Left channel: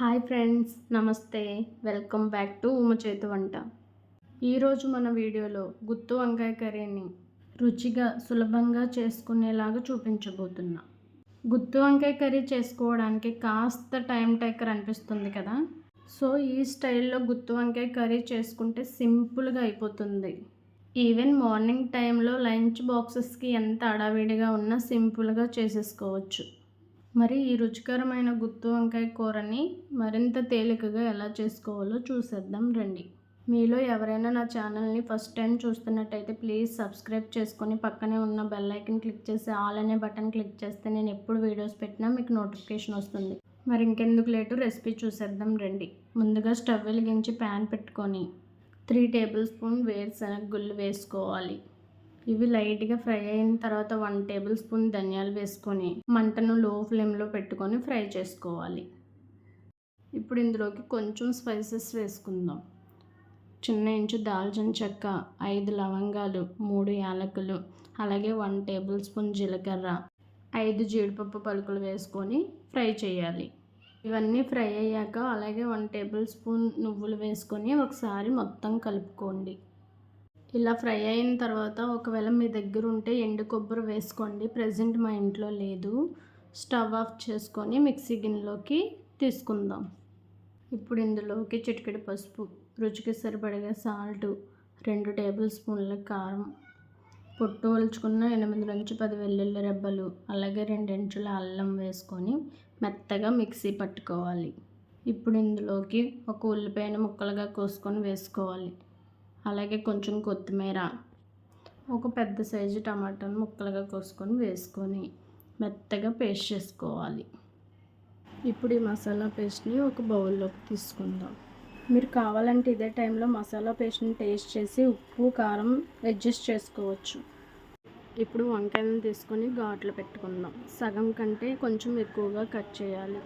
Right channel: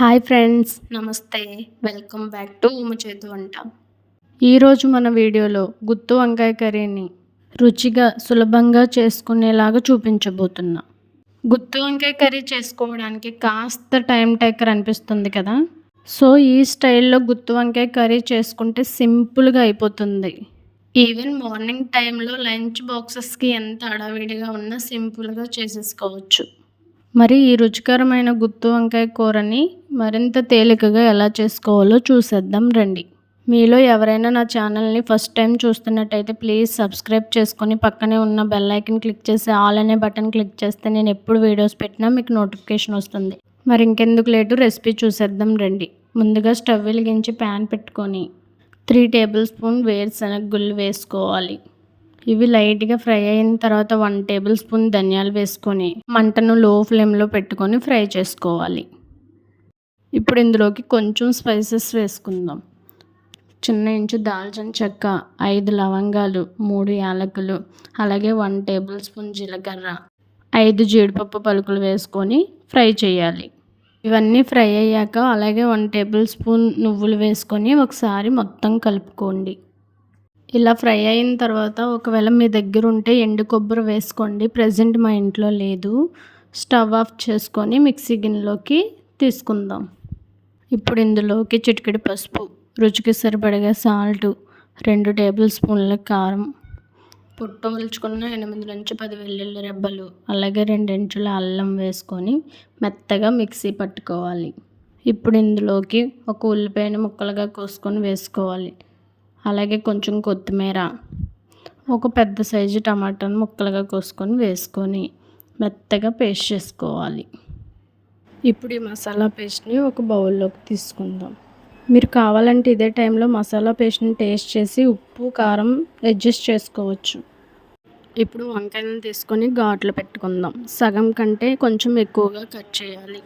Hi friends. నమస్తే. Welcome back to Uma చేతు వంట. ఈరోజు మన వీడియోలో గుత్తు వంకాయ కర్రీని రుచిగా సులభంగా చేసుకునేలాగా చూపించబోతున్నా. గుత్తు వంకాయ కర్రీ చేసుకోవడానికి కాస్త టైం టేకర్ అనిపిస్తుంది కదా? సో ఈ స్టైల్లో గుత్తు వంకాయ కర్రీ చేసుకుంటే సింపుల్గా అయిపోతుంది. ఈవెన్ మార్నింగ్ టైంలో లంచ్ బాక్సెస్కి ఎంత అడావిడిగా ఉన్నా సింపుల్గా చేసేసుకోవచ్చు. మరి ఈ రుచికరమైన గుత్తు వంకాయ కూరని మరింత తేలికగా ఎలా చేసుకోవాలో చూసేద్దాం రండి. మీలో ఎవరైనా నా ఛానల్ని ఫస్ట్ టైం చూస్తున్నట్టయితే ప్లీజ్ సబ్స్క్రైబ్ చేసుకొని పక్కనే ఉన్న బెల్ ఐకన్ క్లిక్ చేసి ఆల్ అనే బటన్ క్లిక్ చేస్తే నేను ఎప్పుడు వీడియోస్ పెట్టినా మీకు నోటిఫికేషన్ వస్తుంది. మరి ఇంకెందుకు లేటు రెసిపీ చూసేద్దాం రండి. ముందుగా స్టవ్ వెలిగించి ప్యాన్ పెట్టుకొని త్రీ టేబుల్ స్పూన్ వేరుశనగ గుళ్ళు వేసుకోవాలి. ఇవి లైట్గా ఫ్రై అయిన తర్వాత వన్ టేబుల్ స్పూన్ ధనియాలు వేసుకొని మంటను లో ఫ్లేమ్లో పెట్టుకొని ఫ్రై చేసుకోవాలి. ఇప్పుడు ఇందులోకి కొంచెం స్పైసెస్ వేసుకుందాం. చిన్న ఇంచు దాల్చిన చెక్క ఐదు లవంగాలు మూడు యాలకులు అలాగే వన్ టేబుల్ స్పూన్ జీలకర్ర ఐదు జీడిపప్పు పలుకులు వేసుకొని ఫ్రై చేయాలి. ఇవన్నీ ఫ్రై అయ్యాక అలాగే వన్ టేబుల్ స్పూన్ నువ్వులు వేసుకొని ఒకసారి మొత్తం కలుపుకోండి. ఇలా ఫ్రై అయిన తర్వాత ఒకవేళ మీ దగ్గర ఉంటే ఎండు కొబ్బరి వేసుకోండి. ప్రజెంట్ మా ఇంట్లో లేదు. స్టవ్ ఆఫ్ చేసుకొని మిక్సీ గిన్నెలోకి తీసుకుందాం. ఇప్పుడు ఇందులోకి చిటికెడు పసుపు రుచికి సరిపడగా సాల్ట్ రెండు టేబుల్ స్పూన్ల కారం పొట్టవలుచుకున్న ఎనిమిది నుంచి పది వెల్లుల్లి రెబ్బలు అలాగే రెండించుల అల్లం వేసుకొని మెత్తగా మిక్సీ పట్టుకోవాలి. ఇప్పుడు ఇందులోకి ఒక ఉల్లిపాయను ముక్కలుగా కోసుకొని వేసుకోవాలి. అలాగే కొంచెం కొత్తిమీర ఒక పెద్ద సైజు టమాటాను ముక్కలుగా కోసుకొని వేసుకొని మెత్తగా పేస్ట్ చేసుకోవాలి. ఇప్పుడు ఈ మసాలా పేస్ట్ని ఒక బౌల్లోకి తీసుకుందాం. మీరు కావాలంటే ఇదే టైంలో మసాలా పేస్ట్ని టేస్ట్ చేసి ఉప్పు కారం అడ్జస్ట్ చేసుకోవచ్చు. ఇప్పుడు వంకాయలను తీసుకొని ఘాట్లు పెట్టుకుందాం. సగం కంటే కొంచెం ఎక్కువగా కట్ చేయాలి.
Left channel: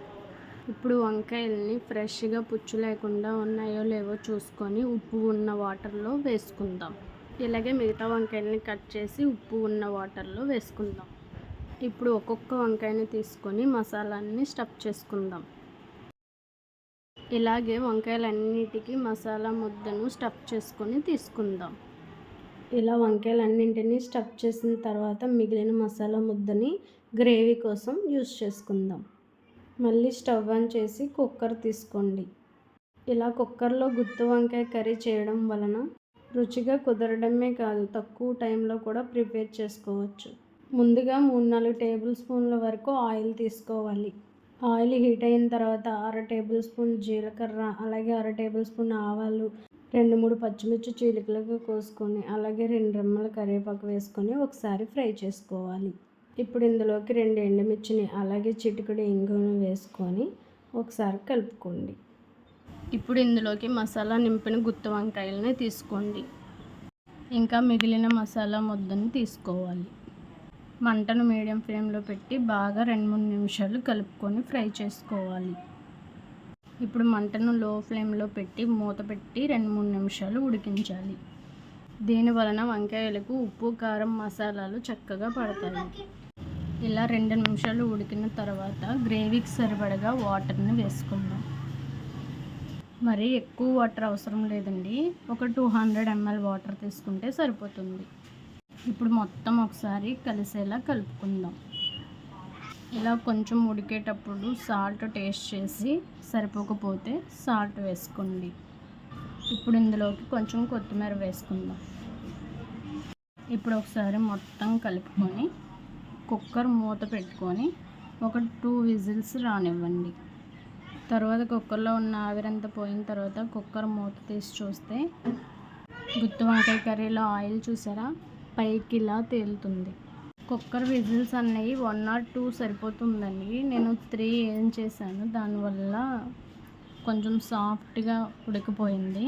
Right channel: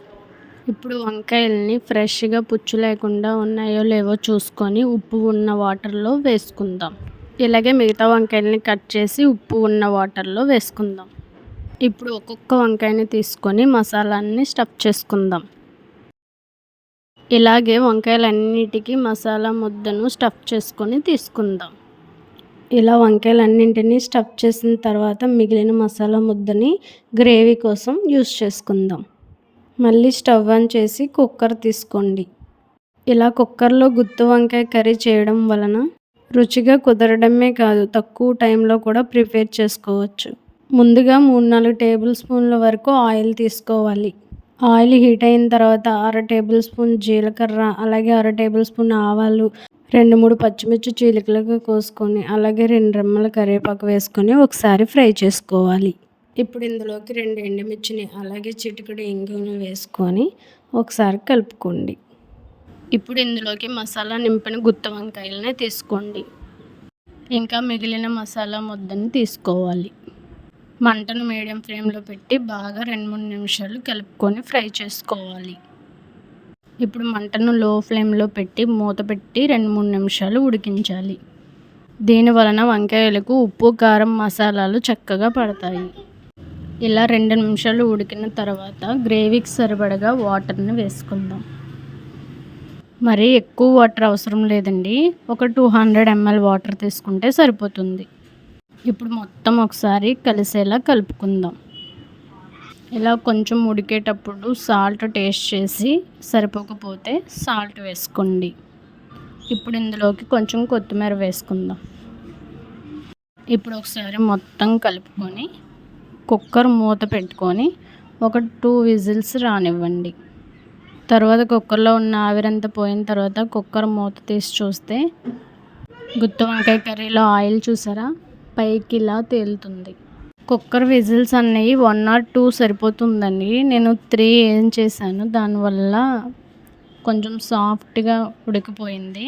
ఇప్పుడు వంకాయల్ని ఫ్రెష్గా పుచ్చు లేకుండా ఉన్నాయో లేవో చూసుకొని ఉప్పు ఉన్న వాటర్లో వేసుకుందాం. ఇలాగే మిగతా వంకాయల్ని కట్ చేసి ఉప్పు ఉన్న వాటర్లో వేసుకుందాం. ఇప్పుడు ఒక్కొక్క వంకాయని తీసుకొని మసాలాన్ని స్టఫ్ చేసుకుందాం. ఇలాగే వంకాయలన్నిటికీ మసాలా ముద్దను స్టఫ్ చేసుకొని తీసుకుందాం. ఇలా వంకాయలన్నింటినీ స్టఫ్ చేసిన తర్వాత మిగిలిన మసాలా ముద్దని గ్రేవీ కోసం యూస్ చేసుకుందాం. మళ్ళీ స్టవ్ ఆన్ చేసి కుక్కర్ తీసుకోండి. ఇలా కుక్కర్లో గుత్తి వంకాయ కర్రీ చేయడం వలన రుచిగా కుదరడమే కాదు తక్కువ టైంలో కూడా ప్రిపేర్ చేసుకోవచ్చు. ముందుగా మూడు నాలుగు టేబుల్ స్పూన్ల వరకు ఆయిల్ తీసుకోవాలి. ఆయిల్ హీట్ అయిన తర్వాత అర టేబుల్ స్పూన్ జీలకర్ర అలాగే అర టేబుల్ స్పూన్ ఆవాలు రెండు మూడు పచ్చిమిర్చి చీలికలుగా కోసుకొని అలాగే రెండు రెమ్మల కరివేపాకు వేసుకొని ఒకసారి ఫ్రై చేసుకోవాలి. ఇప్పుడు ఇందులోకి రెండు ఎండుమిర్చిని అలాగే చిటికడు ఇంగుని వేసుకొని ఒకసారి కలుపుకోండి. ఇప్పుడు ఇందులోకి మసాలా నింపిన గుత్త వంకాయలని తీసుకోండి. ఇంకా మిగిలిన మసాలా ముద్దని తీసుకోవాలి. మంటను మీడియం ఫ్లేమ్లో పెట్టి బాగా రెండు మూడు నిమిషాలు కలుపుకొని ఫ్రై చేసుకోవాలి. ఇప్పుడు మంటను లో ఫ్లేమ్లో పెట్టి మూత పెట్టి రెండు మూడు నిమిషాలు ఉడికించాలి. దీని వలన వంకాయలకు ఉప్పు కారం మసాలాలు చక్కగా పడతాయి. ఇలా రెండు నిమిషాలు ఉడికిన తర్వాత గ్రేవీకి సరిపడగా వాటర్ని వేసుకుందాం. మరి ఎక్కువ వాటర్ అవసరం లేదండి. ఒక టూ హండ్రెడ్ ఎంఎల్ వాటర్ తీసుకుంటే సరిపోతుంది. ఇప్పుడు మొత్తం ఒకసారి కలిసేలా కలుపుకుందాం. ఇలా కొంచెం ఉడికేటప్పుడు సాల్ట్ టేస్ట్ చేసి సరిపోకపోతే సాల్ట్ వేసుకోండి. ఇప్పుడు ఇందులోకి కొంచెం కొత్తిమీర వేసుకుందాం. ఇప్పుడు ఒకసారి మొత్తం కలుపుకొని కుక్కర్ మూత పెట్టుకొని ఒక టూ విజిల్స్ రానివ్వండి. తర్వాత కుక్కర్లో ఉన్న ఆవిరంతా పోయిన తర్వాత కుక్కర్ మూత తీసి చూస్తే గుత్తి వంకాయ కర్రీలో ఆయిల్ చూసారా? పైకి ఇలా తేలుతుంది. కుక్కర్ విజిల్స్ అన్నీ వన్ ఆర్ టూ సరిపోతుందండి. నేను త్రీ ఏం చేశాను దానివల్ల కొంచెం సాఫ్ట్గా ఉడికిపోయింది.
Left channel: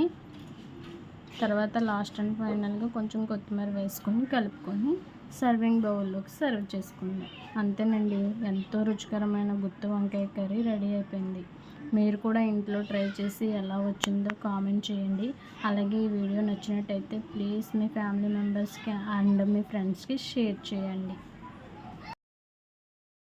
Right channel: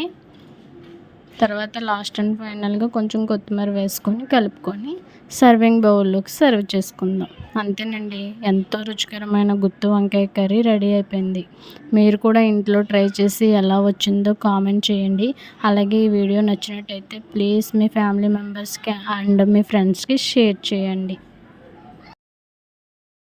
తర్వాత లాస్ట్ అండ్ ఫైనల్గా కొంచెం కొత్తిమీర వేసుకొని కలుపుకొని సర్వింగ్ బౌల్లోకి సర్వ్ చేసుకుందాం. అంతేనండి ఎంతో రుచికరమైన గుత్తి వంకాయ కర్రీ రెడీ అయిపోయింది. మీరు కూడా ఇంట్లో ట్రై చేసి ఎలా వచ్చిందో కామెంట్ చేయండి. అలాగే ఈ వీడియో నచ్చినట్టయితే ప్లీజ్ మీ ఫ్యామిలీ మెంబర్స్కి అండ్ మీ ఫ్రెండ్స్కి షేర్ చేయండి.